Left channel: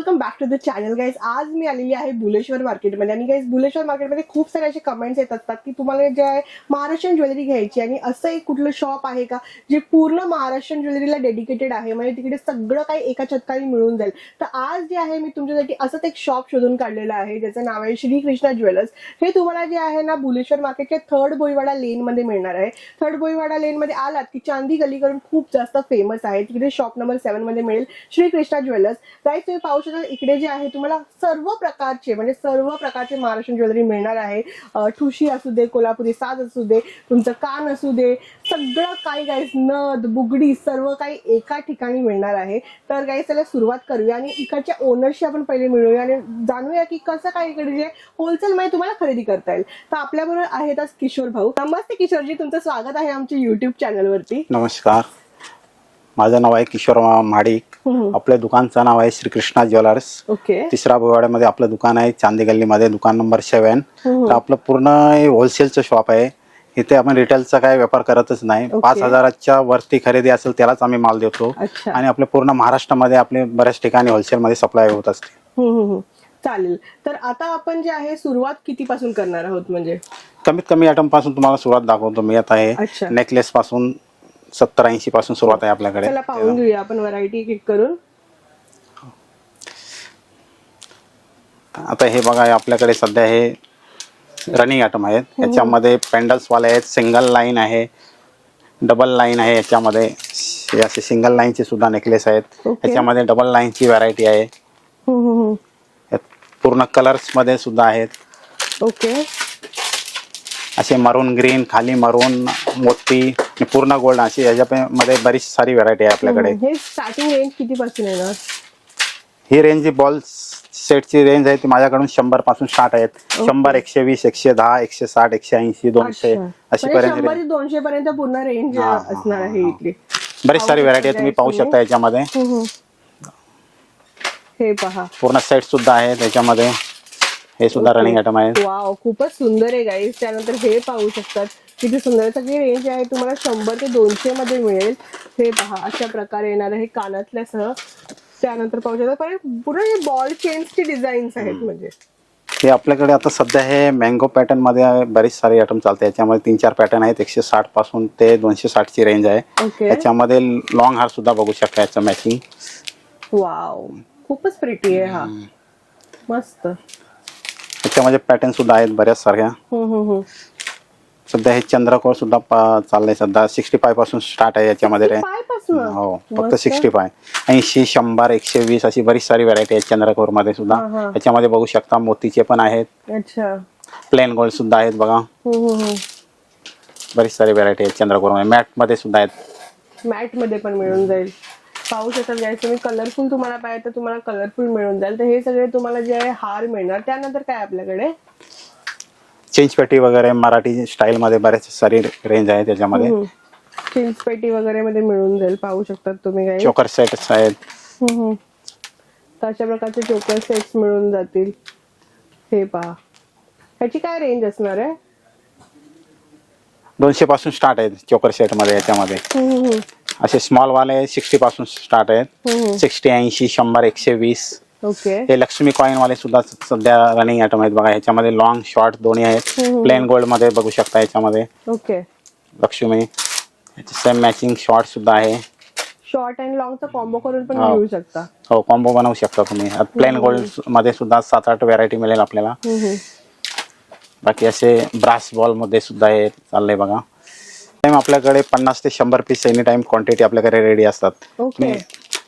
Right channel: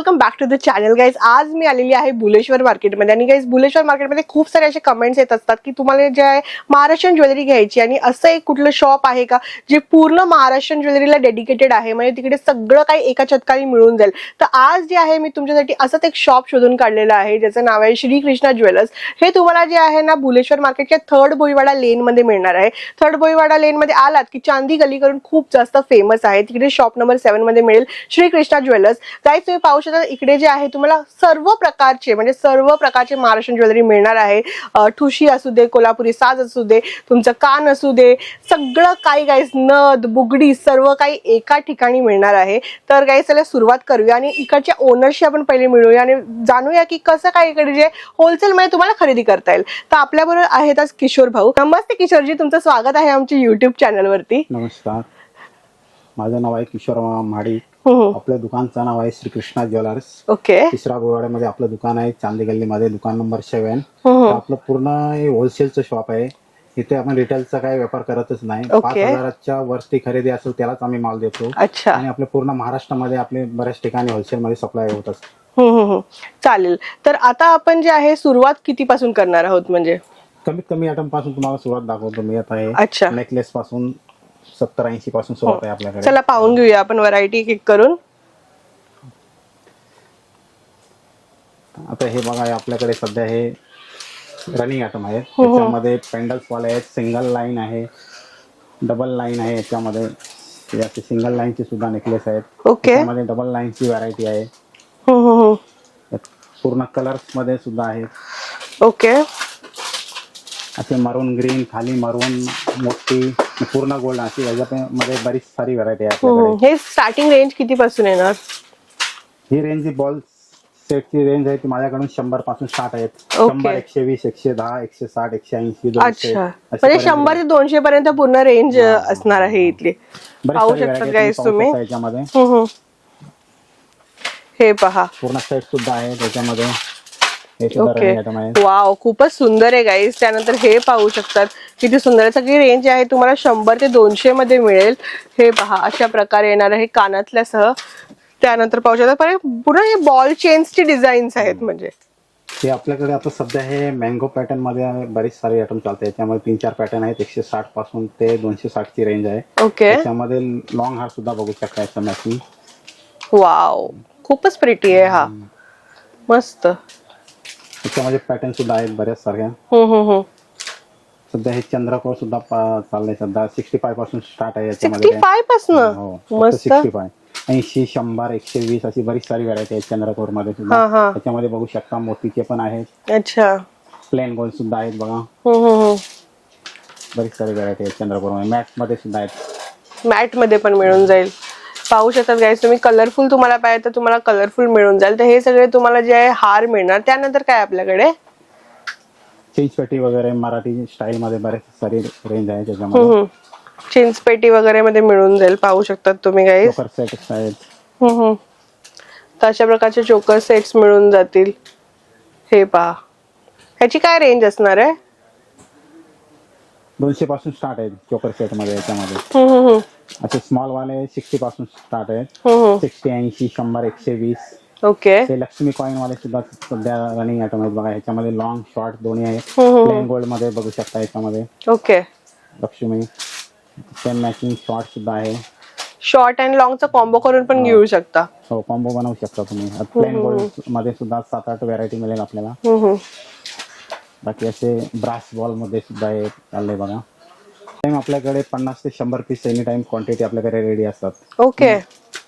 Welcome back to the channel guys. आज मी आलेली आहे बुलेश्वर मार्केटमध्ये आणि गाईज बुलेश्वर मार्केटमध्ये खूप सारे असे कमेंट्स येत असतात की तुम्हाला जे आहे महाराष्ट्रीयन ज्वेलरी घ्यायची आणि असं एक कुठलं शॉप आहे का जे पूर्ण महाराष्ट्रीयन ज्वेलरीला डेडिकेटेड आहे, म्हणजे तिकडे सगळं काही एका छतखाली मिळून जाईल. तर आज जे आहे मी तुमच्यासाठी असंच एक शॉप शोधून काढलेलं आहे ज्याचं नाव आहे श्री कृष्णा ज्वेलर्स. हे तुम्हाला जे आहे ना बुलेश्वर मार्केटच्या थर्ड भोईवाडा लेन मध्ये मिळणार आहे. थर्ड भोईवाडा लेन मध्ये आलात की चांदी गलीकरून खूप जास्त फेमस आहे, तिकडे शॉप नंबर 7 मध्ये मिळेल श्री कृष्णा ज्वेलर्स. गाईज तुम्ही पाहू शकता इकडे जे आहे तुम्हाला सर्व प्रकारचे महाराष्ट्रीयन ज्वेलरी मिळणार आहे. ठुशी असू दे, कोल्हापुरी साज असू दे, तुमचं कान असू दे, सगळं काही गाईज, नथ बुगडी सर्व काही एका ठिकाणी मिळणार आहे. तर गाईज चला सुरुवात करूया आणि इकडच्या ओनरशी आपण पहिले मिळूया आणि जाणूया की कसं काय इकडे जे होलसेल मध्ये तुम्हाला खरेदी करता येईल. तर आपल्याबरोबर आहेत आज किशोर भाऊ. नमस्ते किशोरजी, तुमचं स्वागत आहे आमच्या युट्यूब चॅनल वरती. नमस्कार, माझं नाव आहे किशोर महाडिक. आपल्या दुकानचं नाव आहे श्री कृष्णा ज्वेलर्स. ओके. तिसरा भोईवाड्यामध्ये आपलं दुकान आहे, चांदी गल्लीमध्ये दुकान नंबर 7. आपलं पूर्ण होलसेलचं शॉप आहे. इथे आपण रिटेलचा काय व्यापार करतच नाही. 5,000च्या वरती खरेदी असेल त्यालाच आम्ही माल देतो. आणि आपल्या पूर्ण महाराष्ट्रामध्ये आपले बऱ्याच ठिकाणी होलसेलमध्ये सप्लाय होत असते. चालेल. तर आता आपण जे आहे सुरुवात किती पासून करणार आहोत? म्हणजे कमीत कमी आयटम पासून तुम्हाला सुरुवात दाखवतो मी. आता आहे नेकलेस पासून 70-80 पासून सुरुवात आहे आपल्याकडे. चला पाहून घेऊया आपण व्हरायटी किक करून. आता हे बघा, आपल्याकडे सध्या हे रनिंग आयटम आहेत. याच्यामध्ये पेंडल्स वाले आहेत, सिंगल लाईन आहे, डबल लाईन आहे. याच्यामध्ये असे सिंगल लाईनचे सुद्धा नेकलेस आहेत. त्याच्यामध्ये डबल लाईनची व्हरायटी आहे. पूर्ण कलर्स मध्ये सुद्धा आहेत. ओके. असे मरून ग्रीन, खाली मरून मोती, पूर्ण गोल्ड, अशी याच्यामध्ये बरीच सारी व्हरायटी आहे आपल्याकडे. हे स्टार्टिंग रेंज किती पासून येणार? ही रेंज जी बॉल सेटची रेंज आहे ती माझ्याकडून 100 पासून स्टार्ट आहेत. 100, 120, 110, 160, 180, 200 म्हणजे 100 ते 200 पर्यंत पूर्ण रेंज असणार आहे इथली. बरीच सारी व्हरायटी तुम्ही पाहू शकता याच्यामध्ये. हे पहा, पूर्ण सेट सुद्धा आहे त्याच्यामध्ये. हे सुद्धा रनिंग आयटम आहे. वाव, खूपच सुंदर आहे गाईज. त्यानंतर हे पाहू शकतात किती सुंदर आहे. सगळी रेंज आहे तुम्हाला 100 ते 200 मध्ये मिळेल. हे पहा, अशा प्रकारे येणार आहे कानातल्यासह. त्यानंतर पाहू शकता पूर्ण हे बॉल चेन्सची डिझाईन्स आहेत. म्हणजे हे आपल्याकडे आता सध्या हे मँगो पॅटर्न मध्ये बरीच सारी आयटम चालते. याच्यामध्ये 3-4 पॅटर्न आहेत. 160 पासून ते 260 ची रेंज आहे. त्याच्यामध्ये लॉंग हार सुद्धा बघू शकता याचं मॅचिंग. वाव, खूपच प्रिटी आहे हा, मस्त. त्याच्यामध्ये पॅटर्न सुद्धा आहेत बऱ्याच सारख्या. सध्या हे चंद्रकोर सुद्धा चाललंय. सध्या 65 पासून स्टार्ट आहे याच्यामध्ये. 65 पासून? हो, फक्त 65. 80, 100, 120 अशी बरीच सारी व्हरायटी आहे चंद्रकोर मध्ये सुद्धा. याच्यामध्ये बघू शकता मोतीचे पण आहेत. अच्छा. प्लेन गोल्ड सुद्धा आहेत बघा. बरीच सारी व्हरायटी आहे चंद्रकोर मध्ये. मॅट मध्ये सुद्धा आहेत. मॅट मध्ये पण मिळून जाईल. पाहू शकतात गाईस तुम्ही. कलरफुल तुम्हाला पाहिजे तर तुम्हाला कलरफुल मिळून जाईल. तर हे सगळे तुम्हाला जे आहे हार मिळणार. त्यानंतर काय आपल्याकडे चेंजपेटी वगैरे मराठी स्टाईल मध्ये बरेच सारी रेंज आहे त्याच्यामध्ये. चेंजपेटी वगैरे मध्ये मिळून जाईल. पाहू शकतात तुम्ही गाईस. चोकर सेट्स आहेत. तर अशा प्रकारचे चोकर सेट्स मिळून जातील. हे पहा, ह्याची काय रेंज असणार आहे? 200 पासून स्टार्ट आहेत चोकर सेट मध्ये. याच्यामध्ये असे स्मॉल वाले 60 पासून स्टार्ट आहेत. 60, 80, 100, 120. ओके. हे लक्ष्मी कॉइन वाले सुद्धा सध्या रनिंग आयटम आहेत बघा. ह्याच्यामध्ये लॉंग शॉर्ट दोन्ही आहेत. प्लेन गोल्ड मध्ये बघू शकता याच्यामध्ये. Okay. Lakshmi same matching short सुद्धा आहे. शॉर्ट अँड लॉंगचा कॉम्बो करून पण घेऊ शकता. हो, कॉम्बो बनवू शकता तुम्ही. प्लेन गोल्ड मध्ये सुद्धा 7-8 व्हरायटी मिळेल आपल्याला. बाकी असे ब्रास बॉल मध्ये सुद्धा हे चाललंय बघा. आपल्याकडे 50 ते 100 पीस एनी टाइम क्वांटिटी आपल्याकडे रेडी असतात. ओके.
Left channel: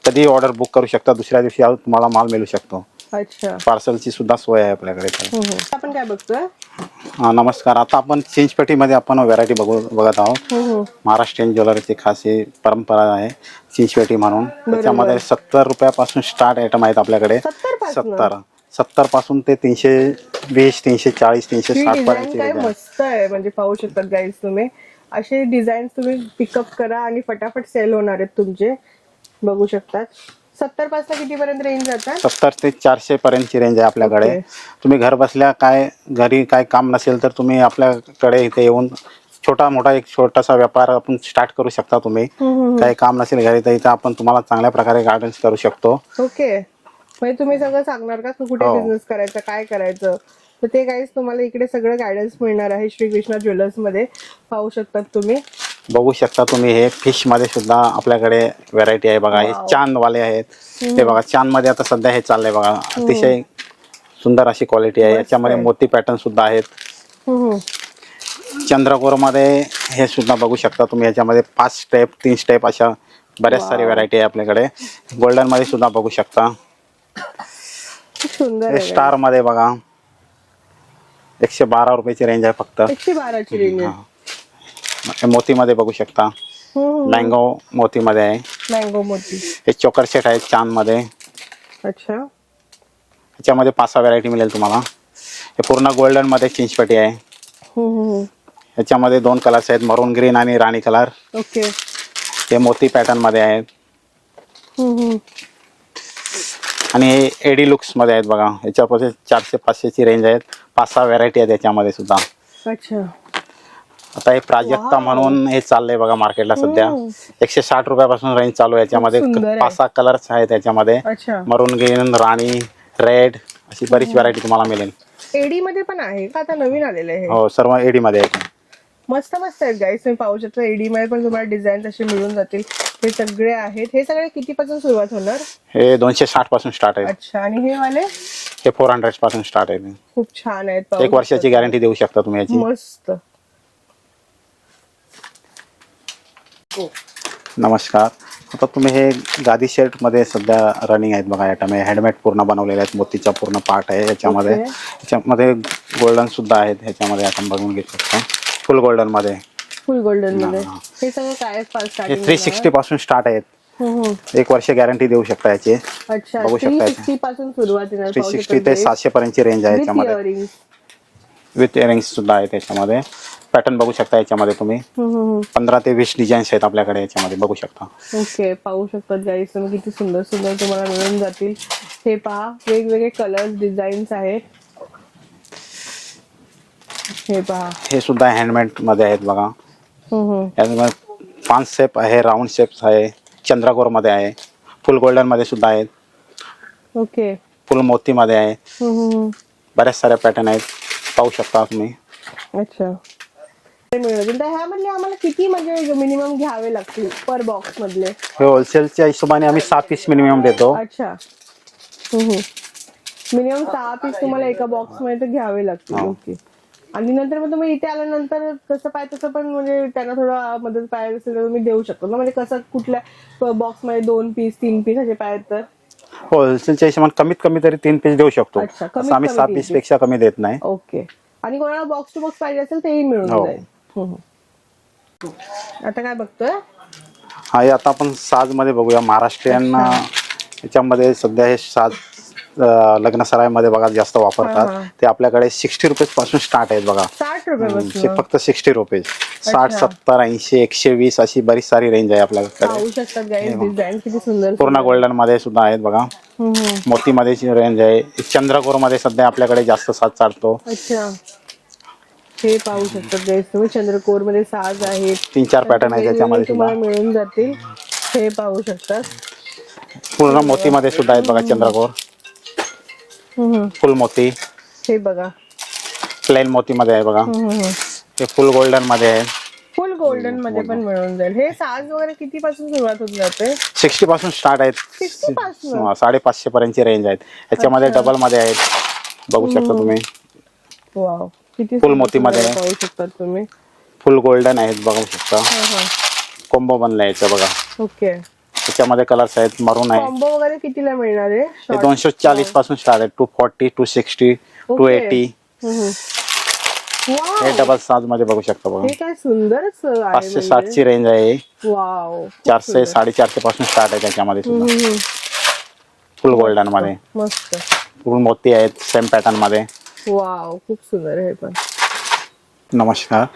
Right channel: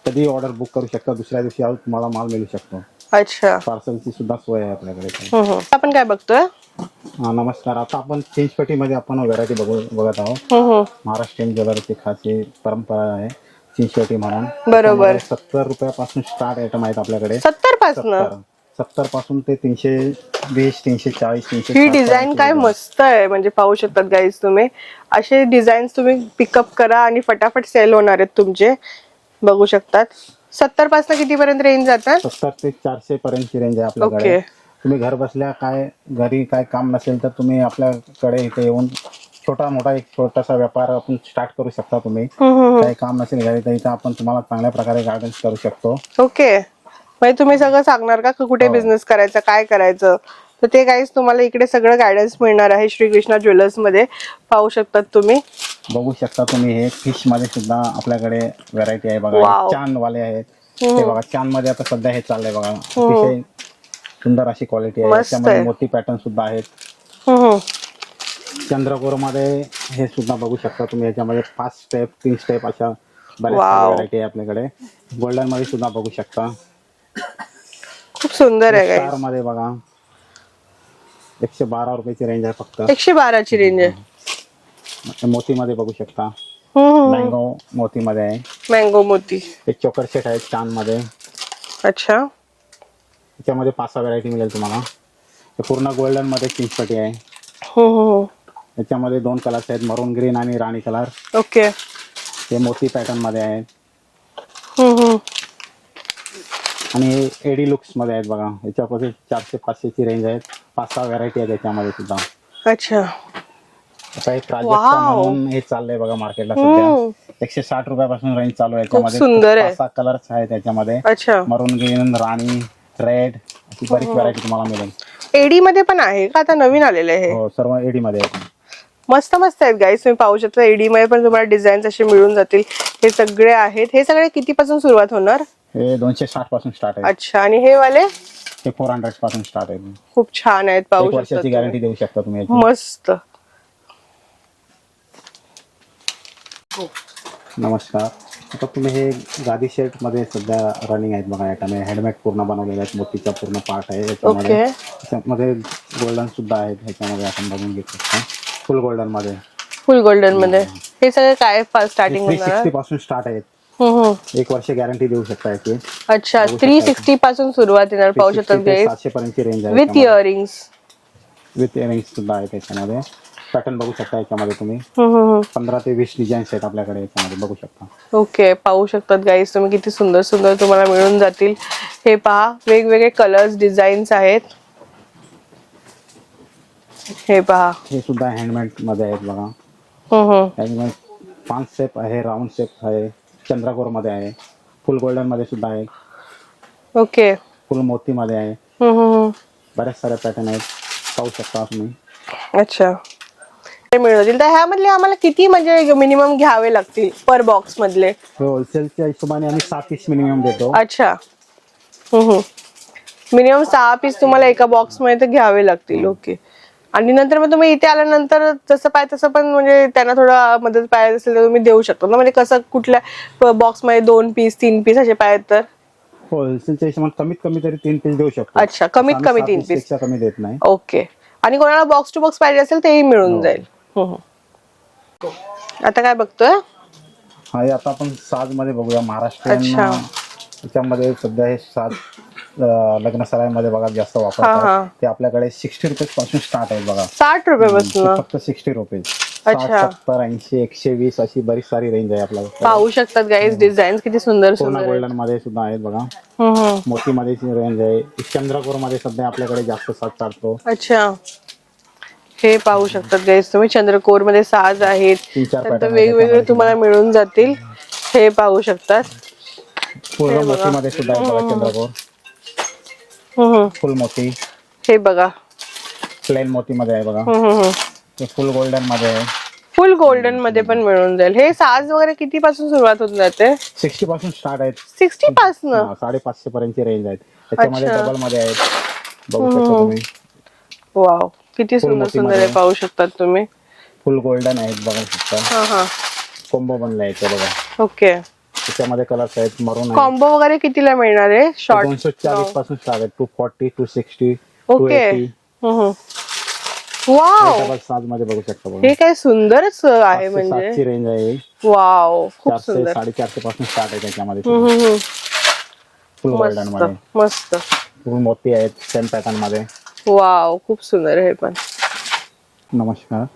कधी ऑर्डर बुक करू शकता. दुसऱ्या दिवशी तुम्हाला माल मिळू शकतो. अच्छा. पार्सलची सुद्धा सोय आहे आपल्याकडे. आपण काय बघतोय? नमस्कार. आता आपण चेंजपेटी मध्ये आपण व्हरायटी बघत आहोत. महाराष्ट्रीयन ज्वेलरीची खास ही परंपरा आहे चेंजपेटी म्हणून. त्याच्यामध्ये 70 रुपयापासून स्टार्ट आयटम आहेत आपल्याकडे. 70 पासून ते 320, 340, 360. ही डिझाईन काय मस्त आहे. म्हणजे पाहू शकतात गाईज तुम्ही. असे डिझाईन तुम्ही पिकअप करा आणि फटाफट सेल होणार आहेत तुमचे. बघू शकतात 70 पासून किती पर्यंत रेंज जातात? 70 ते 400 पर्यंतची रेंज आहे आपल्याकडे. तुम्ही घर बसल्या घरी काय काम नसेल तर तुम्ही आपल्याकडे इथे येऊन एक छोटासा व्यापार आपण स्टार्ट करू शकता. तुम्ही काही काम नसेल घरी तर इथे आपण तुम्हाला चांगल्या प्रकारे गायडन्स करू शकतो. ओके. म्हणजे तुम्ही सगळं सांगणार का कुठे हो. बिझनेस करायचा, काय करायचं, तर ते गाईज तुम्हाला इकडे सगळं गायडन्स मिळणार आहे श्रीकृष्णा ज्वेलर्स मध्ये. पाहू शकतात तुम्ही. बघू शकता तुम्ही हे फिश मध्ये सुद्धा आपल्याकडे व्हरायटी आहे बघा. हे Wow. चांद वाले आहेत. ते बघा चांद मध्ये आता सध्या हे चाललंय बघा. अतिशय सुंदर अशी क्वालिटी आहे. मस्त याच्यामध्ये आहे. मोती पॅटर्न सुद्धा आहेत. हम्म. चंद्रकोर मध्ये हे सुद्धा बघू शकता तुम्ही. याच्यामध्ये 5 स्टेप 3 स्टेप अशा बऱ्याच सारी Wow. व्हरायटी आहे आपल्याकडे. गोल्डन मध्ये सुद्धा बघू शकता. खूप सुंदर आहे स्टार मध्ये बघा 112 रुपयाची रेंज आहे फक्त. 112 ची रेंज आहे. मोती मध्ये बघू शकता. मँगो मोती मध्ये आहे. मँगो मोती. हे चोकर सेट आहे चांद मध्ये. अच्छा. याच्यामध्ये 5-6 व्हरायटी मिळेल तुम्हाला. हे पूर्ण गोल्डन मध्ये चिंचपट्टी आहे. याच्यामध्ये 2 कलर्स आहेत, मरून ग्रीन आणि राणी कलर. ओके. हे मोती पॅटर्न मध्ये आहेत. आणि हे एडी लुक्स मध्ये आहेत बघा. याच्यामध्ये 400-500 ची रेंज आहेत. 5-6 व्हरायटी आहेत याच्यामध्ये सुद्धा. अच्छा. आता हे प्राजक्ता म्हणून हे चाललंय बघा मार्केटला सध्या. 160 रुपयापासून रेंज चालू आहे. याच्यामध्ये सुंदर आहे. 5-6 कलर्स आहेत याच्यामध्ये. अच्छा. मरून ग्रीन, राणी, रेड अशी बरीच व्हरायटी तुम्हाला मिळेल. एडी मध्ये पण आहे का आता नवीन आलेलं आहे? हो, सर्व एडी मध्ये आहेत. मस्त मस्त आहेत गाईस. तुम्ही पाहू शकता एडी मध्ये पण तुम्हाला डिझाईन्स असे मिळून जातील. हे सगळे आहेत. हे सगळे किती पासून सुरुवात होणार? हे 260 पासून स्टार्ट आहे. अच्छा. आणि हे वाले हे 400 पासून स्टार्ट आहे. खूप छान आहेत. पाहू 1 वर्षाची गॅरंटी देऊ शकता तुम्ही याची. मस्त. नमस्कार. आता तुम्ही हे गादी शर्ट मध्ये सध्या रनिंग आहेत बघा. आयटम आहे हँडमेड पूर्ण बनवलेले आहेत. मोतीचा पूर्ण पार्ट आहे याच्यामध्ये. Okay. याच्यामध्ये गोल्डन सुद्धा आहेत. ह्याच्यामध्ये आपण बघून घेऊ शकतो. फुल गोल्डन मध्ये. फुल गोल्डन मध्ये हे सगळे काय स्टार्टिंग? 360 पासून स्टार्ट आहेत. 1 वर्ष गॅरंटी देऊ शकता याची. अच्छा. 360 पासून सुरुवात येणार. पाहू 360 शकता ते 700 पर्यंतची रेंज आहे. With earrings. विथ इयरिंग्स सुद्धा आहेत त्याच्यामध्ये. पॅटर्न बघू शकता याच्यामध्ये तुम्ही. 15 ते 20 डिझाईन्स आहेत आपल्याकडे याच्यामध्ये बघू शकता. ओके. पाहू शकतात गाईस तुम्ही किती सुंदर सुंदर तुम्हाला मिळून जातील. हे पहा वेगवेगळे कलर्स डिझाईन्स आहेत. हे पहा. हे सुद्धा हँडमेड मध्ये आहेत बघा. यामध्ये 5 शेप आहे, राऊंड शेप्स आहे, चंद्रकोर मध्ये आहे, फुल गोल्डन मध्ये सुद्धा आहेत. ओके. फुल मोती मध्ये आहे. बऱ्याच साऱ्या पॅटर्न आहेत. पाहू शकता तुम्ही. अच्छा. ते मिळतील. तर ह्यामधले आम्हाला किती म्हणजे मिनिमम घ्यावे लागतील पर बॉक्स मधले? हे होलसेलच्या हिशोबाने आम्ही 6 पीस मिनिमम देतो. अच्छा. मिनिमम 6 पीस तुम्हाला एका बॉक्स मध्ये तर घ्यावे लागतील. ओके. आणि नंतर मग तुम्ही इथे आल्यानंतर जसं पाहिजे तसं पण म्हणजे त्यांना थोडं मदत पाहिजे असेल तर तुम्ही देऊ शकता ना. म्हणजे कसं कुठल्या बॉक्स मध्ये 2 पीस 3 पीस असे पाहिजे तर? होलसेलच्या हिशोबाने कमीत कमी तरी 3 पीस देऊ शकतो. अच्छा. कमीत कमी 3 पीस पेक्षा कमी देत नाही. ओके. आणि कोणाला बॉक्स टू बॉक्स पाहिजे असेल तेही मिळून जाईल. आता काय बघतोय? हा, आता आपण साज मध्ये बघूया. महाराष्ट्रीयन याच्यामध्ये सध्या हे साज लग्न सराईमध्ये बघा जास्त वापरतात. ते आपल्याकडे 60 रुपये पासून स्टार्ट आहेत बघा. 60 रुपये फक्त 60 रुपये. 60, 70, 80, 120 अशी बरीच सारी रेंज आहे आपल्याकडे. पाहू शकतात गाईज डिझाईन किती सुंदर. पूर्ण गोल्डन मध्ये सुद्धा आहेत बघा. मोती मध्ये रेंज आहे. चंद्रकोर मध्ये सध्या आपल्याकडे जास्त साज चालतो. अच्छा. हे पाहू शकतात गाईज तुम्ही. चंद्रकोर मध्ये साज आहेत. 3-4 पॅटर्न वेगवेगळे तुम्हाला मिळून जातील. हे पाहू शकतात. पूर्ण मोती मध्ये सुद्धा आहेत बघा. चंद्रकोर फुल मोती. हे बघा प्लेन मोती मध्ये आहे बघा. हे फुल गोल्डन मध्ये आहे. फुल गोल्डन मध्ये पण मिळून जाईल. हे साज वगैरे किती पासून सुरुवात होऊन जाते? 60 पासून स्टार्ट आहेत. 60 पासून? 550 पर्यंतची रेंज आहेत. याच्यामध्ये डबल मध्ये आहेत. बघू शकता तुम्ही. वाव किती फुल मोती मध्ये पाहू शकतात तुम्ही. फुल गोल्डन आहेत बघू शकता. कॉम्बो बनलाय याचं बघा. ओके. त्याच्यामध्ये कलर्स आहेत. मरून आहे. कॉम्बो वगैरे कितीला मिळणार आहे? 240 पासून स्टार्ट आहे. 240, 260, 280. वाव. हे डबल साज मध्ये बघू शकता बघा. हे काय सुंदरच आहे. 560 ची रेंज आहे. वाव. 400, 450 पासून स्टार्ट आहे त्याच्यामध्ये. फुल गोल्डन मध्ये मस्त. फुल मोती आहेत सेम पॅटर्न मध्ये. वाव खूप सुंदर हे पण. नमस्कार.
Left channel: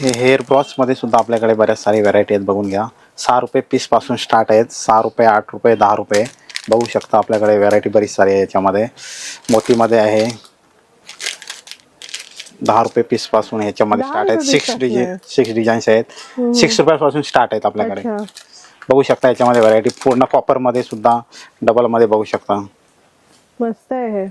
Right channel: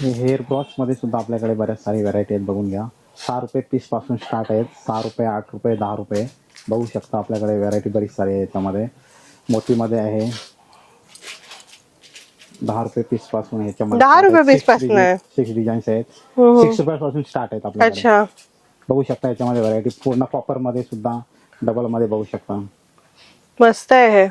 हे हेअर ब्रॉच मध्ये सुद्धा आपल्याकडे बऱ्याच सारी व्हरायटी आहेत. बघून घ्या. 6 रुपये पीस पासून स्टार्ट आहेत. 6 रुपये, 8 रुपये, 10 रुपये बघू शकता. आपल्याकडे व्हरायटी बरीच सारी आहे याच्यामध्ये. मोतीमध्ये आहे 10 रुपये पीस पासून ह्याच्यामध्ये 6 डिझाईन्स आहेत. 6 रुपयापासून स्टार्ट आहेत आपल्याकडे. बघू शकता याच्यामध्ये व्हरायटी पूर्ण कॉपर मध्ये सुद्धा डबल मध्ये बघू शकता. मस्त आहे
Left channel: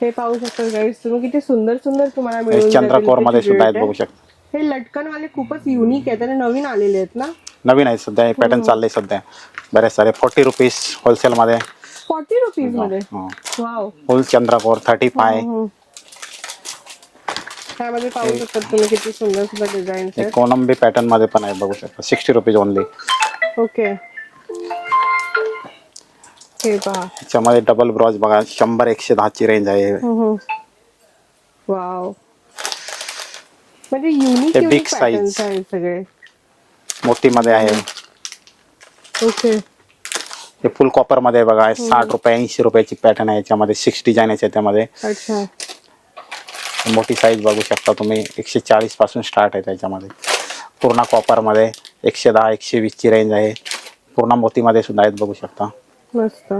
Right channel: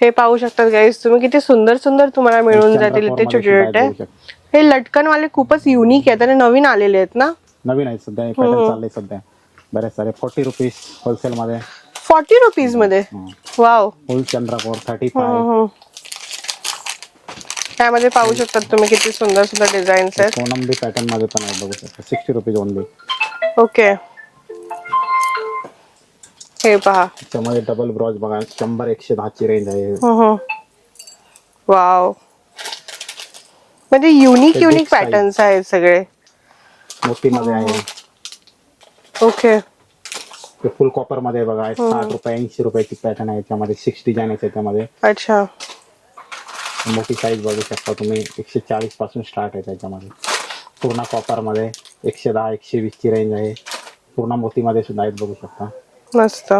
हे पाहू शकतात गाईस तुम्ही, किती सुंदर सुंदर तुम्हाला मिळून जातील चंद्रकोर ते मध्ये छोटे सुद्धा आहेत छोटे. बघू शकता. हे लटकन वाले खूपच युनिक आहेत आणि नवीन आलेले आहेत ना. नवीन आहे सध्या हे पॅटर्न चाललंय सध्या बरेच सारे. 40 रुपीज होलसेल मध्ये. 40 रुपीज मध्ये. वाव. फुल चंद्रकोर 35. त्यामध्ये पाहू शकतात तुम्ही किती सुंदर सुंदर डिझाईन्स आहेत. कोलंबी पॅटर्न मध्ये पण आहे बघू शकता. 60 रुपीज ओनली. ओके हे पहा त्याच्यामध्ये डबल ब्रॉज बघा 100-110 ची रेंज आहे. वाव. म्हणजे युनिक हे युनिक big size. पॅटर्न्स आहेत सगळे. मोती मध्ये आहे. ओके हे फुल कॉपर मध्ये बघा 60 रुपये 80 रुपयाची पॅटर्न आहे. याच्यामध्ये 6 डिझाईन आहे त्यामध्ये. अच्छा. मोठी साईज बघू शकता तुम्ही 140 पासून स्टार्ट आहे त्याच्यामध्ये. पूर्ण कॉपर मध्ये 110-120 ची रेंज आहे. पूर्ण मोती मध्ये सुद्धा आहेत बघू शकता. मस्त.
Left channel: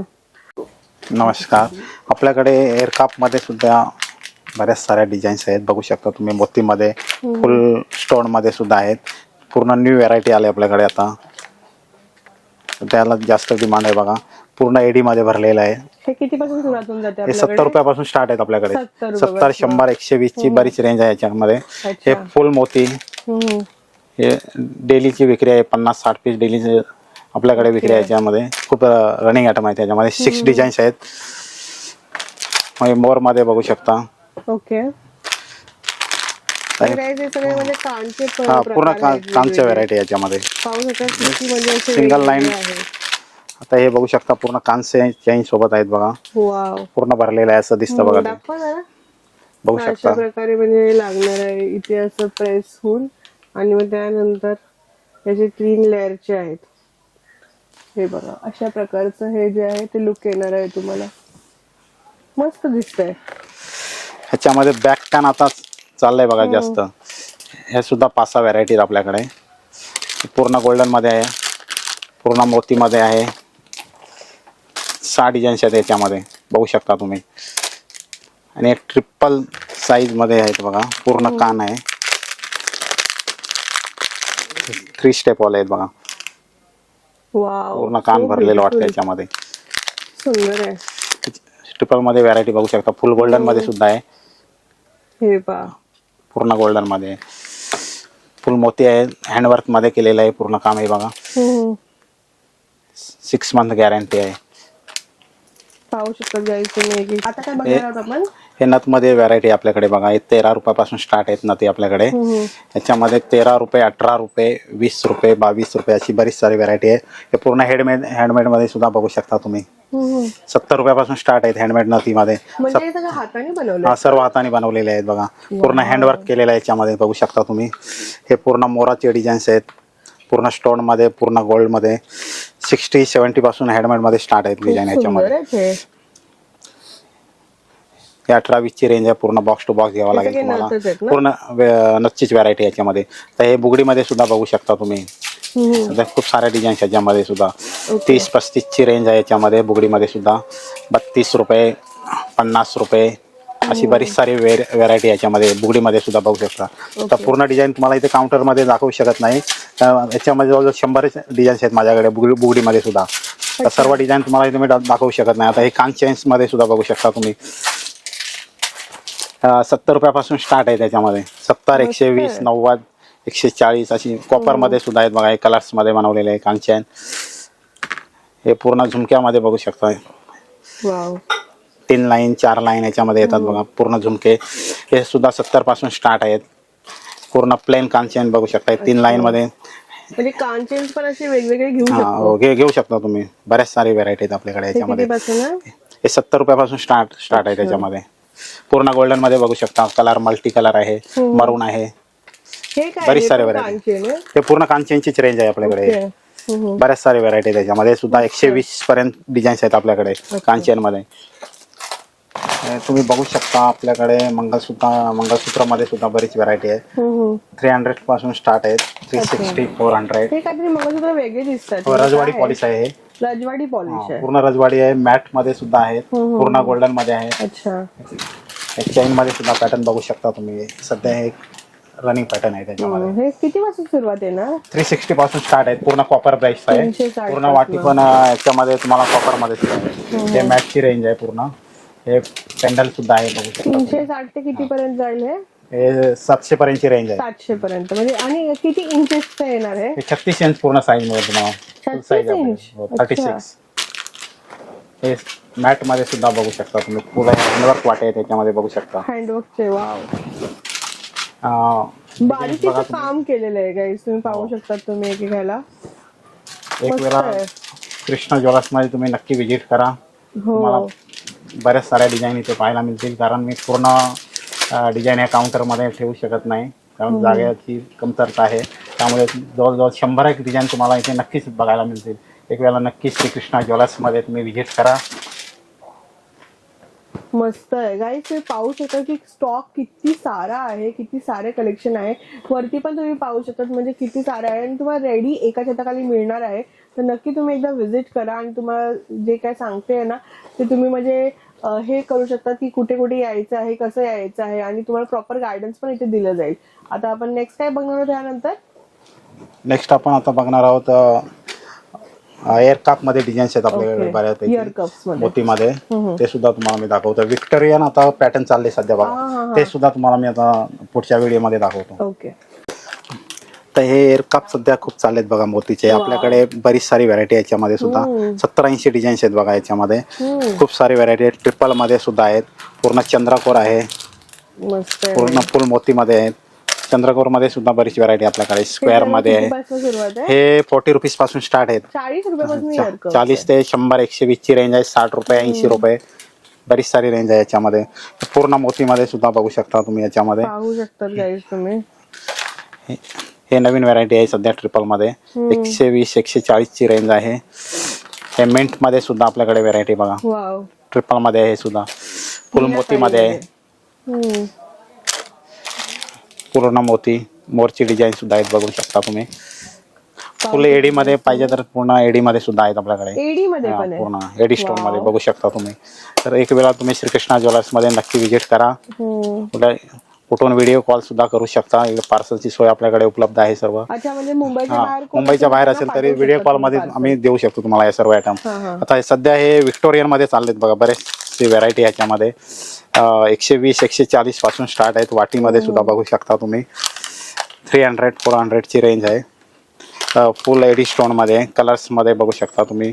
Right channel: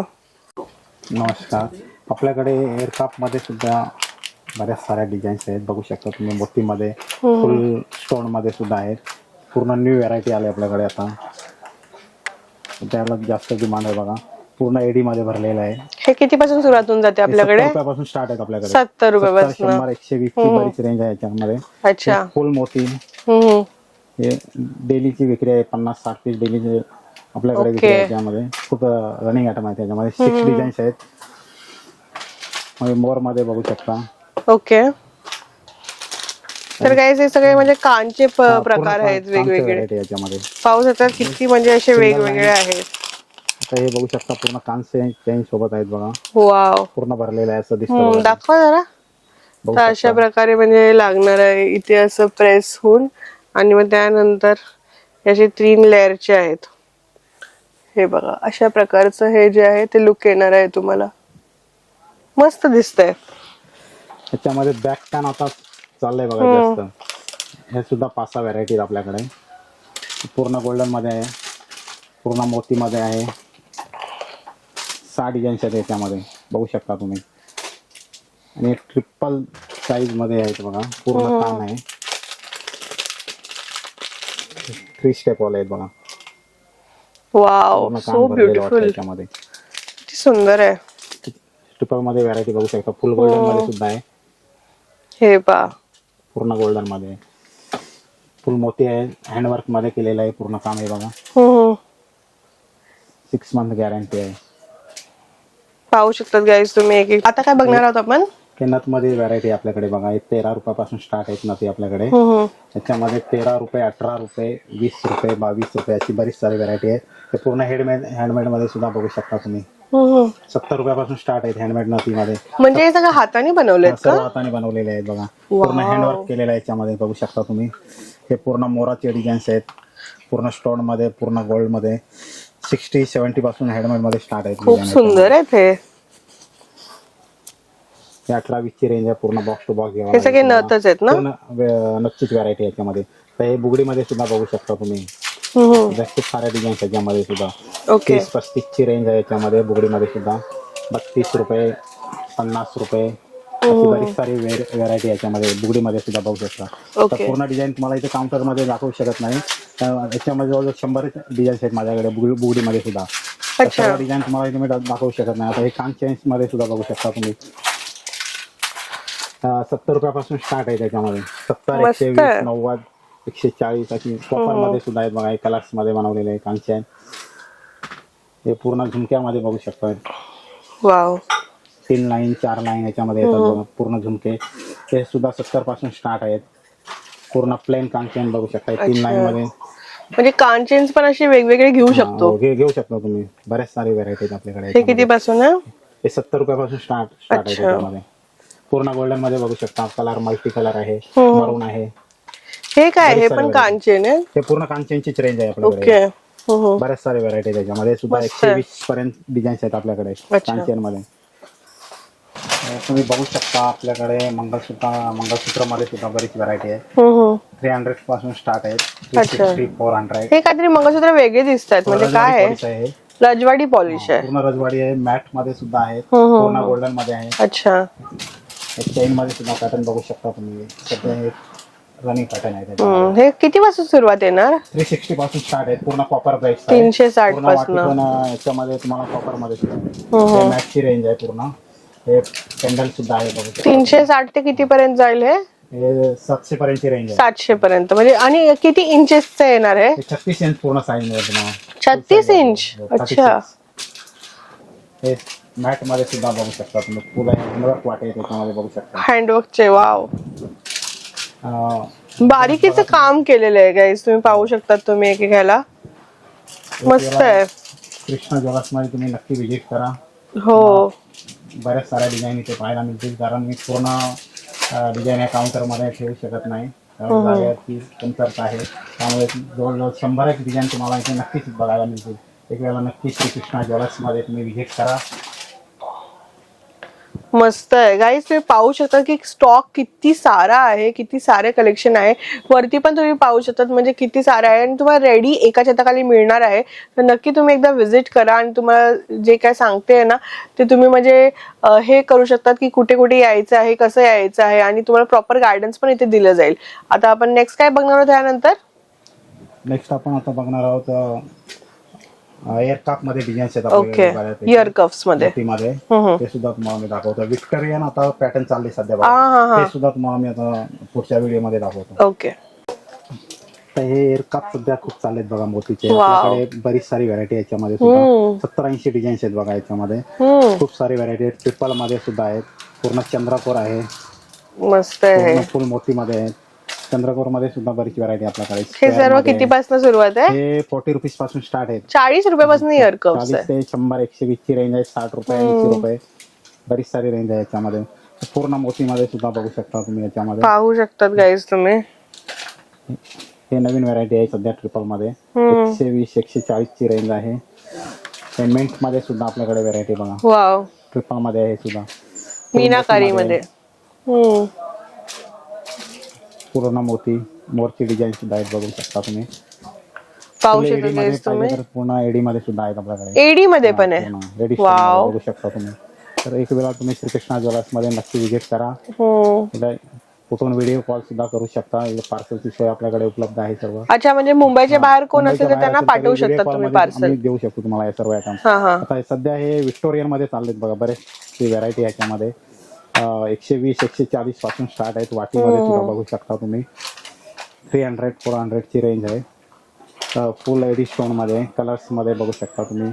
नमस्कार. आपल्याकडे एअरक्राफ्ट मध्ये सुद्धा बऱ्याच साऱ्या डिझाईन्स आहेत बघू शकता तुम्ही. मोती मध्ये फुल स्टोन मध्ये सुद्धा आहेत. पूर्ण न्यू व्हरायटी आली आपल्याकडे आता. त्याला जास्त डिमांड आहे बघा. पूर्ण एडी मध्ये भरलेलं आहे. हे किती पासून सुरुवात होऊन जाते आपल्याकडे? 70 रुपयापासून स्टार्ट आहेत आपल्याकडे. 70 रुपयापासून. 70, 100, 120 ची बरीच रेंज आहे याच्यामध्ये. अच्छा. फुल मोती. हे डेलीची विक्री आहे. 50-60 पीस डेलीचे आपल्याकडे विक्री आहे याच्यामध्ये. खूप रनिंग आयटम आहे त्याच्यामध्ये. 6 डिझाईन्स आहेत. मोर मध्ये बघू शकता. ओके. तर गाईस हे सगळे म्हणजे कांचे पूर्ण प्रकार आहेत कांचे वेगवेगळे. व्हरायटी याच्यामध्ये. पाहू शकतात किती म्हणजे असे Single वेगवेगळे line. आहेत. आता हे बघू शकता पूर्ण कांचे चेन सोबत आहेत बघा. वाव. पूर्ण भरलेलं आहे असं दिसतं बघा. दाखवा जरा. बघू तर अशा शकता. प्रकारे म्हणजे लागणार आहे इथे असं प्रेस होऊन आणि मग त्यानंतर याचे 3 लेअरचे आहेत. हे बघा अशा प्रकारचं हे जे आहे ते लुक येणार आहे तुम्हाला. मस्त दिसतंय. ह्याच्यामध्ये बॅक पॅन आता चाललंय बघा जास्त. हे सुद्धा 5-6 व्हरायटी आपल्याकडे. पूर्ण गोल्डन मध्ये आहे. पूर्ण मोती मध्ये आहे. 6 डिझाईन्स आहेत याच्यामध्ये बघू शकता तुम्ही. आणि ट्रिपल साईज मध्ये आहेत बघा. पूर्ण कान आहे. 3 स्टेप वाले आहेत बघा. वाव. पूर्ण कान भरलेलं वाटतं याच्यामध्ये. सुंदर आहे. ट्रिपल मध्ये व्हरायटी बघू शकता. फुल गोल्डन मध्ये सुद्धा आहे. हे पहा. पूर्ण गोल्डन मध्ये फुल मोती आहे. हँडवर्क मध्ये केलेलं आहे पूर्ण काम आहे बघा. 6 मंथ गॅरंटी आहे. पाहू शकतात गाईस तुम्ही एक. आता काय बघणार आहोत आपण? हे नथ मध्ये व्हरायटी आपल्याकडे बघा. हे 13 रुपयापासून स्टार्ट आहेत नथी आपल्याकडे. याच्यामध्ये 13 रुपये 18 रुपये 20 रुपये 22 रुपये अशी बरीच सारी व्हरायटी आहे. हे पूर्ण हँडमेड मध्ये सुद्धा बघू शकता तुम्ही. 70 रुपयापासून स्टार्ट आहेत हँडमेड नथी मध्ये. म्हणजे हे सगळं हाताने बनवलं? सर्व हाताने बनवलेले आहेत बघा. पूर्ण हँडवर्क केलेलं आहे याच्यामध्ये बघू शकता तुम्ही. हे पूर्ण मोराचे डिझाईन्स आहेत. पूर्ण स्टोन मध्ये पूर्ण गोल्ड मध्ये 60-70 पासून हँडमेड मध्ये स्टार्ट आहेत डिझाईन. सुंदर आहे ते. हे 18-20 ची रेंज आहे. पूर्ण बॉक्स टू बॉक्स घ्यावा लागेल तुम्हाला. पूर्ण नथचीच व्हरायटी याच्यामध्ये. तर हे बुगडी मध्ये सुद्धा बघू शकता तुम्ही. खूप साऱ्या डिझाईन्स आहेत याच्यामध्ये सुद्धा. 30-35 ची रेंज आहे याच्यामध्ये. बुगडी मध्ये सुद्धा 32 रुपये 50 रुपये अशी बरीच सारी व्हरायटी याच्यामध्ये बुगडी मध्ये सुद्धा बघू शकता. तर पूर्ण डिझाईन तुम्हाला इथे काउंटर मध्ये दाखवू शकत नाही. याच्यामध्ये जवळजवळ 100 डिझाईन्स आहेत माझ्याकडे बुगडी मध्ये सुद्धा. तर सर्व डिझाईन तुम्हाला इथे मी दाखवू शकत नाही. आता हे कान चेन्स मध्ये सुद्धा बघू शकता तुम्ही. 70 रुपयापासून स्टार्ट आहे त्याच्यामध्ये. 70, 120, 90, 140 अशी कॉपर मध्ये सुद्धा आहेत बघा. हे कलर्स मध्ये बनवलेले आहे कान चेन. हे पूर्ण झुमक्यामध्ये बघू शकता. वाव. 3 लाईन 4 लाईन याच्यामध्ये येतात बघा. पूर्ण झुमके हे सुद्धा 70 पासून स्टार्ट आहेत. पूर्ण प्लेन कान चेन बघू शकता 3 लाईन मध्ये. म्हणजे कान चेन्स पण असे वेगवेगळे घेऊ शकतो? घेऊ शकता तुम्ही. बऱ्याच सारे व्हरायटी आहेत आपल्याकडे. हे किती पासून? हे 70 रुपयापासून स्टार्ट आहे त्याच्यामध्ये. पूर्ण गोल्डन मध्ये बघू शकता. कलर मल्टी कलर आहे. मरून आहे. हे काय? हे पण कान चेन आहे? हे पूर्ण कान चेनचीच रेंज आहे आपल्याकडे. बऱ्याच सारे व्हरायटी त्याच्यामध्ये सुद्धा. 120 पर्यंत डिझाईन्स आहेत आपल्याकडे कान चेन मध्ये. तुम्ही बघू शकता आपल्याकडे मंगळसूत्र मध्ये सुद्धा बरीच व्हरायटी आहे. 300 पासून स्टार्ट आहेत. 360, 400. हे काहीतरी मंगळसूत्र वेगळे दिसतात. रजवाडी पॉलिश आहे. रजवाडी पॉलिश आहे. पूर्ण रजवाडी आहे. मॅट मध्ये सुद्धा आहे. पूर्ण गोल्डन मध्ये आहे. अच्छा. चेन मध्ये सुद्धा पॅटर्न बघू शकता तुम्ही. सध्या हे रनिंग पॅटर्न आहे त्याच्यामध्ये. हे किती पासून सुरुवात येणार? 360 पासून स्टार्ट आहे, पूर्ण कॉपर प्राइस आहे. 360 पूर्ण वाटी पण याच्यामध्ये तुम्हाला कॉपर मध्ये मॅटची रेंज आहे पूर्ण. हे पेंडल सुद्धा आहे बघू शकता. 360 ते किती पर्यंत जाईल हे? हे 700 पर्यंतची रेंज आहे. 700 पर्यंत म्हणजे. आणि किती इंचेसचं येणार आहे? हे 36 इंच पूर्ण साईज मध्ये तुम्हाला. 36 इंच. अच्छा. 36. हे मॅट मध्ये सुद्धा बघू शकता तुम्ही, पूर्ण हँडवर्क वाटे आहे त्याच्यामध्ये बघू शकता. हँडवर्कचे. वाव, बारीकीचं काम केलेलं आहे गाईस, तुम्ही पाहू शकता तुम्ही एक घ्यायला. मस्त आहे. कृष्णा ज्वेलर्स मध्ये तुम्ही नक्की व्हिजिट करा. हो, बऱ्याच साऱ्या डिझाईन इथे पाहायला मिळतील, कारण मी पूर्ण डिझाईन या काउंटर मध्ये ठेवू शकत नाही, कारण जागेची कमतरता आहे. त्यामुळे जवळजवळ 100 डिझाईन तुम्हाला इथे नक्कीच बघायला मिळतील. एक वेळेला नक्कीच श्रीकृष्णा ज्वेलर्स मध्ये तुम्ही व्हिजिट करा. मस्त आहे गाईस, तुम्ही पाहू शकता की स्टॉक किती सारा आहे, किती सारे कलेक्शन आहे. वरती पण तुम्ही पाहू शकता म्हणजे किती सारा आहे, आणि तुम्हाला रेडी एका छताखाली मिळणार आहे. तर नक्की तुम्ही एकदा व्हिजिट करा, आणि तुम्हाला जे काय सांगते ना ते तुम्ही म्हणजे हे करू शकतात की कुठे कुठे यायचं आहे, कसं यायचं आहे, आणि तुम्हाला प्रॉपर गायडन्स पण इथे दिलं जाईल. आता आपण नेक्स्ट काय बघणार आहोत त्यानंतर? नेक्स्ट आपण आता बघणार आहोत एअर कप मध्ये डिझाईन्स आहेत आपल्याकडे बऱ्यापैकी. इयर कप्स मध्ये मोतीमध्ये ते सुद्धा तुम्हाला मी दाखवतो. विक्टोरियन आता पॅटर्न चालले सध्या बघा, ते सुद्धा तुम्हाला मी आता पुढच्या व्हिडिओ मध्ये दाखवतो. ओके. तर हे एअर कप सध्या खूप चाललेत बघा मोतीचे. आपल्याकडे बरीच सारी व्हरायटी याच्यामध्ये सुद्धा 70-80 डिझाईन्स आहेत बघा याच्यामध्ये. खूप सारी व्हरायटी आहेत. ट्रिपल मध्ये सुद्धा आहेत, पूर्ण चंद्रकोर आहे, मस्त आहे. पूर्ण फुल मोती मध्ये आहेत. चंद्रकोर मध्ये सुद्धा बरीच व्हरायटी आपल्याकडे. स्क्वेअर मध्ये कितीपासून सुरुवात आहे? हे 40 रुपीज पासून स्टार्ट आहेत. 40 रुपयापासून इयर कप. 40 ते 100 120 ची रेंज आहे. 60 रुपये 80 रुपये बरीच सारी रेंज आहे याच्यामध्ये. पूर्ण मोती मध्ये सुद्धा बघू शकता तुम्ही याच्यामध्ये. पाहू शकतात गाईज तुम्ही. हे नवीन व्हरायटी आहे सध्या ट्रिपल मध्ये. 120 140 ची रेंज आहे. हे मिंट मध्ये सुद्धा आपल्याकडे व्हरायटी बघा. वाव, ट्रिपल मध्ये आहे सुद्धा. फुल मोती मध्ये पूर्ण मोती मोरची डिझाईन सुद्धा आहेत बघू शकता तुम्ही. फुल एडी मध्ये पाहिजे तर पूर्ण एडी मध्ये सुद्धा आहेत आपल्याकडे. एडी मध्ये पण आहे, पूर्ण एडी स्टोन मध्ये बघू शकता तुम्ही. तर एक वेळा तुम्ही श्रीकृष्णा ज्वेलर्स मध्ये नक्की व्हिजिट करा. कुठून व्हिडिओ कॉल सुद्धा करू शकता. पार्सलची सोय आपल्याकडे उपलब्ध आहे सर्व. अच्छा, म्हणजे मुंबईच्या बाहेर कोण मुंबईच्या बाहेर असेल तरी व्हिडिओ कॉल मध्ये आम्ही देऊ शकतो तुम्हाला हे सर्व आयटम. आता सध्या हे विक्टोरियन मध्ये चाललेत बघा, बरेचसे व्हरायटी ह्याच्यामध्ये. 120 140 पासून स्टार्ट आहेत. वाटीमध्ये सुद्धा बघू शकता तुम्ही. 300 400 ची रेंज आहे. फुल एडी स्टोन मध्ये कलर्स मध्ये बघू शकता तुम्ही.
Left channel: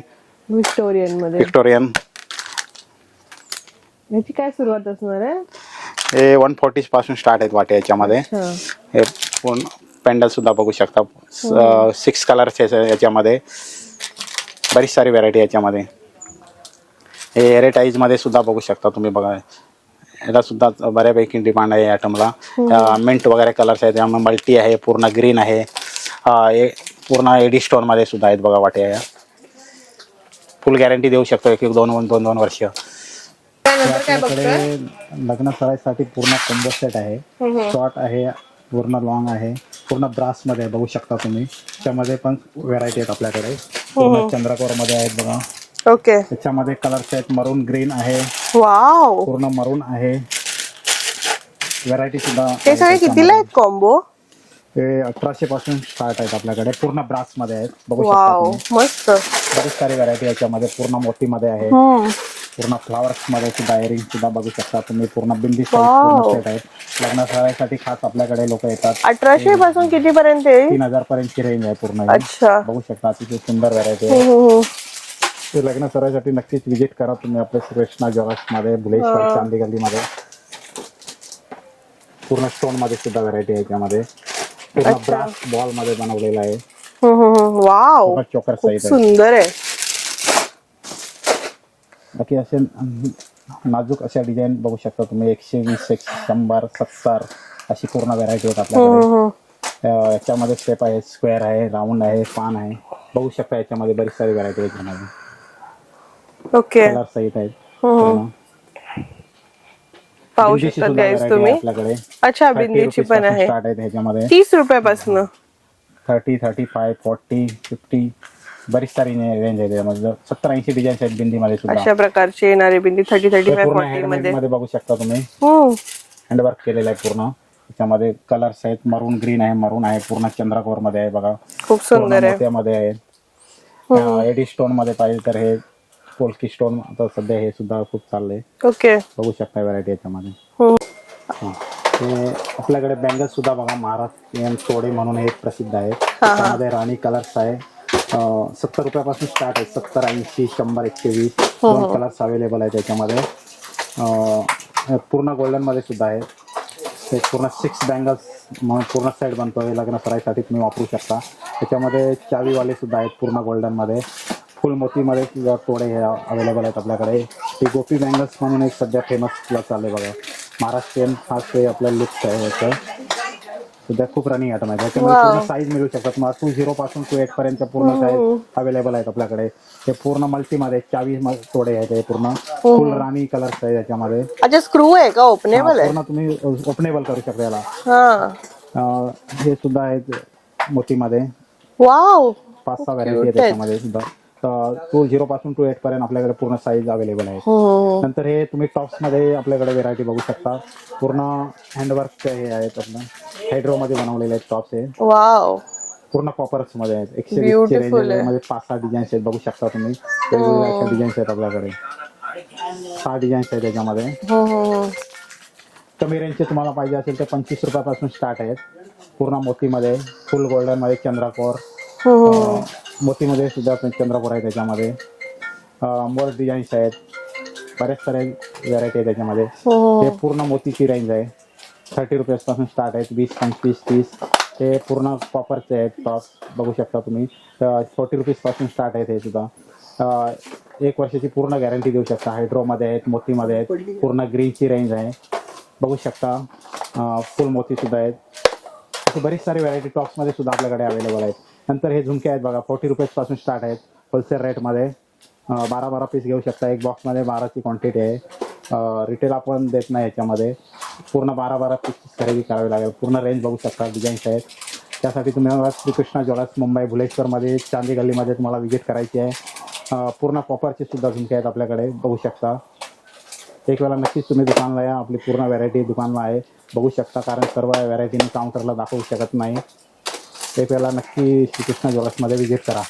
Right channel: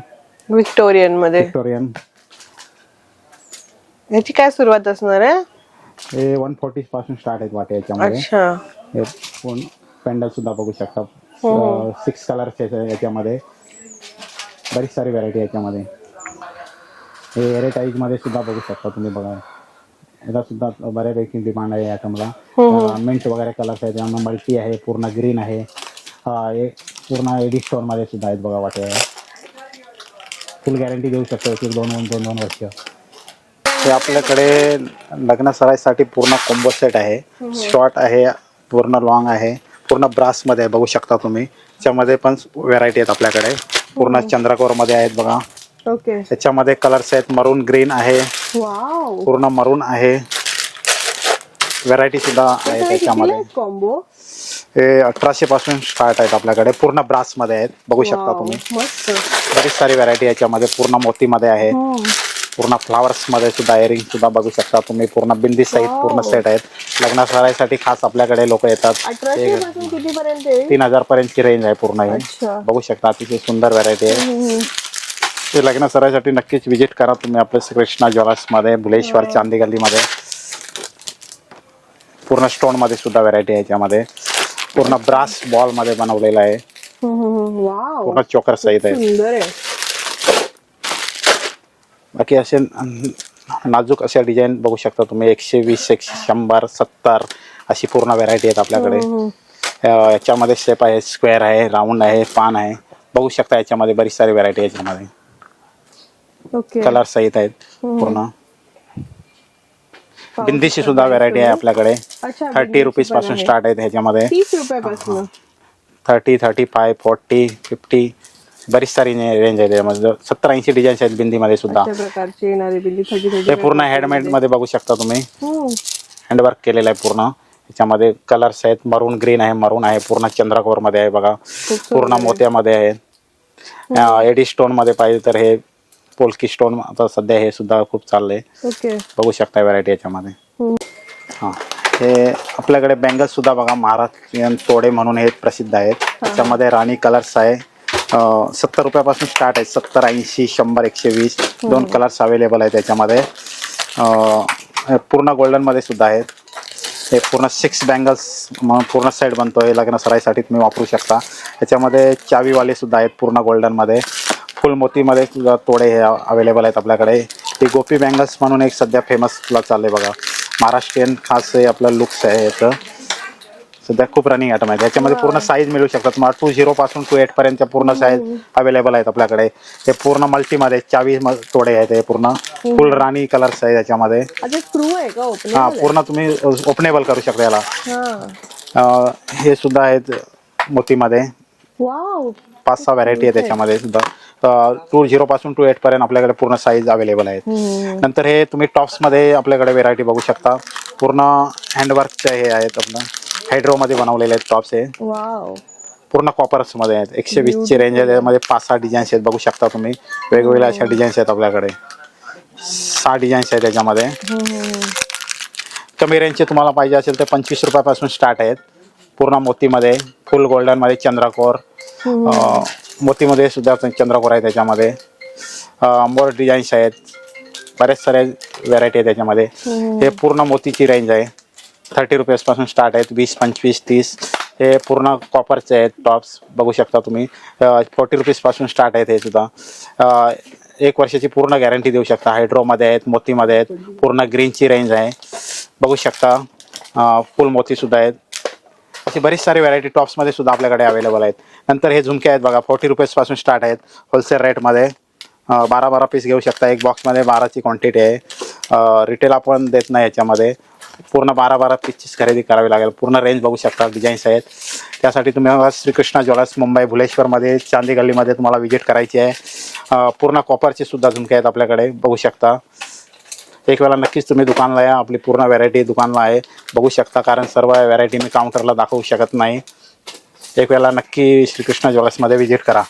विक्टोरियन मध्ये. विक्टोरियन याची काय सुरुवात असणार आहे? हे 140 पासून स्टार्ट आहेत वाटे याच्यामध्ये. हे पेंडल सुद्धा बघू शकता. 6 कलर्स याच्यामध्ये. बरीच सारी व्हरायटी याच्यामध्ये. हे एरेटाईज मध्ये सुद्धा बघू शकता तुम्ही बघा. याला सुद्धा बऱ्यापैकी डिमांड आहे या आयटमला. मिंट वगैरे कलर्स आहेत, त्यामुळे मल्टी आहे, पूर्ण ग्रीन आहे. पूर्ण एडी स्टोन मध्ये सुद्धा आहेत बघा वाटे. फुल गॅरंटी देऊ शकतो 1-2 वर्ष. हे आपल्याकडे लग्न सराईसाठी पूर्ण कॉम्बो सेट आहे. शॉर्ट आहे, पूर्ण लॉंग आहे, पूर्ण ब्रास मध्ये आहे बघू शकता तुम्ही. त्याच्यामध्ये पण व्हरायटी आहेत आपल्याकडे. पूर्ण चंद्रकोर मध्ये आहेत बघा. ओके. त्याच्यामध्ये कलर्स आहेत. मरून ग्रीन आहे, वाव, पूर्ण मरून आहे. व्हरायटी सुद्धा कॉम्बो. हे 1800 पासून स्टार्ट आहेत आपल्याकडे. पूर्ण ब्रास मध्ये आहेत बघू शकता तुम्ही. मस्त. बरीच सारी व्हरायटी याच्यामध्ये. पूर्ण मोती मध्ये आहे. पूर्ण फ्लावर्स मध्ये सुद्धा इयरिंग सुद्धा बघू शकता तुम्ही. पूर्ण बिंदी सहित पूर्ण सेट आहेत. लग्न सराईसाठी खास आपल्याकडे लोक येतात. 1800 पासून किती पर्यंत? 3000 पर्यंतची रेंज आहे पूर्ण. बघू शकता अतिशय सुंदर व्हरायटी आहे. ते लग्न सराईसाठी नक्कीच व्हिजिट करा तुम्ही आपल्या श्रीकृष्णा ज्वेलर्स मध्ये, भुलेश्वर चांदी गल्ली मध्ये. पूर्ण स्टोन मध्ये सुद्धा व्हरायटी आहे याच्यामध्ये. पूर्ण ब्रास बॉल मध्ये बनवलेला आहे. वाव, पूर्ण चोकर सहित आहे. सुंदर आहे. बाकी असे नाजूक अशा डिझाईन बघू शकता तुम्ही. 120 100 70 अशी पूर्ण व्हरायटी आहेत आपल्याकडे. याच्यामध्ये शेप आहे, स्क्वेअर आहे, राऊंड आहे, पान आहे बघू शकता. याच्यामध्ये बरीच सारी व्हरायटी आहे याच्यामध्ये. कलर सहित आहेत पूर्ण. बिंदीची सुद्धा व्हरायटी आहे आपल्याकडे. 30 रुपीज पासून स्टार्ट आहे ह्याच्यामध्ये. 30 रुपयापासून 30 35 40 50 बरीच सारी रेंज आहे त्यामध्ये. 70-80 डिझाईन्स आहेत बिंदीमध्ये सुद्धा. अशा प्रकारची येणारी बिंदी 30 पूर्ण हँडमेड मध्ये बघू शकता तुम्ही. हँडवर्क केलेलं आहे पूर्ण. त्याच्यामध्ये कलर्स आहेत, मरून ग्रीन आहे, मरून आहे, पूर्ण चंद्रकोर मध्ये आहे बघा, खूप पूर्ण सुंदर आहे. मोत्यामध्ये आहे. एडी स्टोन मध्ये पाहिजे तर हे पोल्की स्टोन आता सध्या हे सुद्धा खूप चाललंय, ओके. बघू शकता व्हरायटी याच्यामध्ये. हा, हे आपल्याकडे बँगल्स सुद्धा बघा, महाराष्ट्रीयन तोडे म्हणून हे प्रसिद्ध आहेत. त्याच्यामध्ये राणी कलर्स आहे, 70 रुपयापासून स्टार्ट आहे. 70, 80, 100, 120 दोन कलर्स अवेलेबल आहेत त्याच्यामध्ये. पूर्ण गोल्डन मध्ये सुद्धा आहेत. हे पूर्ण 6 बँगल्स पूर्ण सेट बनतोय, लग्न सराईसाठी तुम्ही वापरू शकता. त्याच्यामध्ये चावीवाले सुद्धा आहेत पूर्ण गोल्डन मध्ये. फुल मोतीमध्ये सुद्धा तोडे हे अवेलेबल आहेत आपल्याकडे. ही गोपी बँगल्स म्हणून एक सध्या फेमस चालले बघा, महाराष्ट्रीयन खास हे आपलं लुक्स आहे याचं, सध्या खूप रनिंग आयटम आहे. त्याच्यामध्ये पूर्ण साईज मिळू शकतात तुम्हाला, 20 पासून 28 पर्यंत पूर्ण साईज अवेलेबल आहेत आपल्याकडे. हे पूर्ण मल्टीमध्ये 24 तोडे आहेत, हे पूर्ण फुल राणी कलर्स आहे त्याच्यामध्ये. अच्छा, स्क्रू आहे का ओपनेबल? पूर्ण तुम्ही ओपनेबल करू शकता याला. हा, हे सुद्धा आहेत मोतीमध्ये, वाव. 5-6 व्हरायटी आहे त्याच्यामध्ये सुद्धा. 20 पासून 28 पर्यंत आपल्याकडे पूर्ण साईज अवेलेबल आहे. नंतर हे तुम्ही टॉप्स मध्ये आपल्याकडे व्हेरायटी बघू शकता, पूर्ण हँडवर्कचे हे आहेत, आपलं हायड्रो मध्ये बनवलेले आहेत टॉप्स. हे वाव, पूर्ण कॉपर्स मध्ये आहेत. 120 ची रेंज आहे, त्यामध्ये 5-6 डिझाईन्स आहेत, बघू शकता तुम्ही. वेगवेगळ्या अशा डिझाईन्स आहेत आपल्याकडे, 6 डिझाईन्स आहेत त्याच्यामध्ये. कमी रेंजचे तुम्हाला पाहिजे असेल तर 25 रुपयापासून स्टार्ट आहेत. पूर्ण मोतीमध्ये, फुल गोल्डन मध्ये चंद्रकोर, मोतीमध्ये सुद्धा चंद्रकोर आहे त्याच्यामध्ये. मोर डिझाईन्स आहेत, बरेच सारे व्हेरायटी आहे त्याच्यामध्ये. हे पूर्ण मोतीची रेंज आहे, 30 रुपयापासून स्टार्ट आहेत, 20, 25, 30. हे पूर्ण कॉपरचे आहेत टॉप्स, बघू शकता तुम्ही. 40 रुपीजपासून स्टार्ट आहेत हे सुद्धा. 1 वर्षाची पूर्ण गॅरंटी देऊ शकता. हायड्रोमध्ये आहेत, मोतीमध्ये आहेत, पूर्ण ग्रीनची रेंज आहे, बघू शकता. फुल मोती सुद्धा आहेत. अशी बरीच सारी व्हरायटी टॉप्समध्ये सुद्धा आपल्याकडे अवेलेबल आहेत. नंतर हे झुमके आहेत बघा, 40 रुपीजपासून स्टार्ट आहेत, होलसेल रेटमध्ये. 12-12 पीस घेऊ शकता, एक बॉक्समध्ये 12ची क्वांटिटी आहे. रिटेल आपण देत नाही याच्यामध्ये, पूर्ण 12-12 पीसचीच खरेदी करावी लागेल. पूर्ण रेंज बघू शकता, डिझाईन्स आहेत. त्यासाठी तुम्ही श्रीकृष्णा ज्वेलर्स मुंबई भुलेश्वरमध्ये चांदी गल्लीमध्ये तुम्हाला व्हिजिट करायची आहे. पूर्ण कॉपरचे सुद्धा झुमके आहेत आपल्याकडे, बघू शकता. एक वेळा नक्कीच तुम्ही दुकानला या, आपली पूर्ण व्हरायटी दुकानला आहे, बघू शकता. कारण सर्व व्हरायटी मी काउंटरला दाखवू शकत नाही. एक वेळा नक्की श्रीकृष्णा ज्वेलर्समध्ये व्हिजिट करा.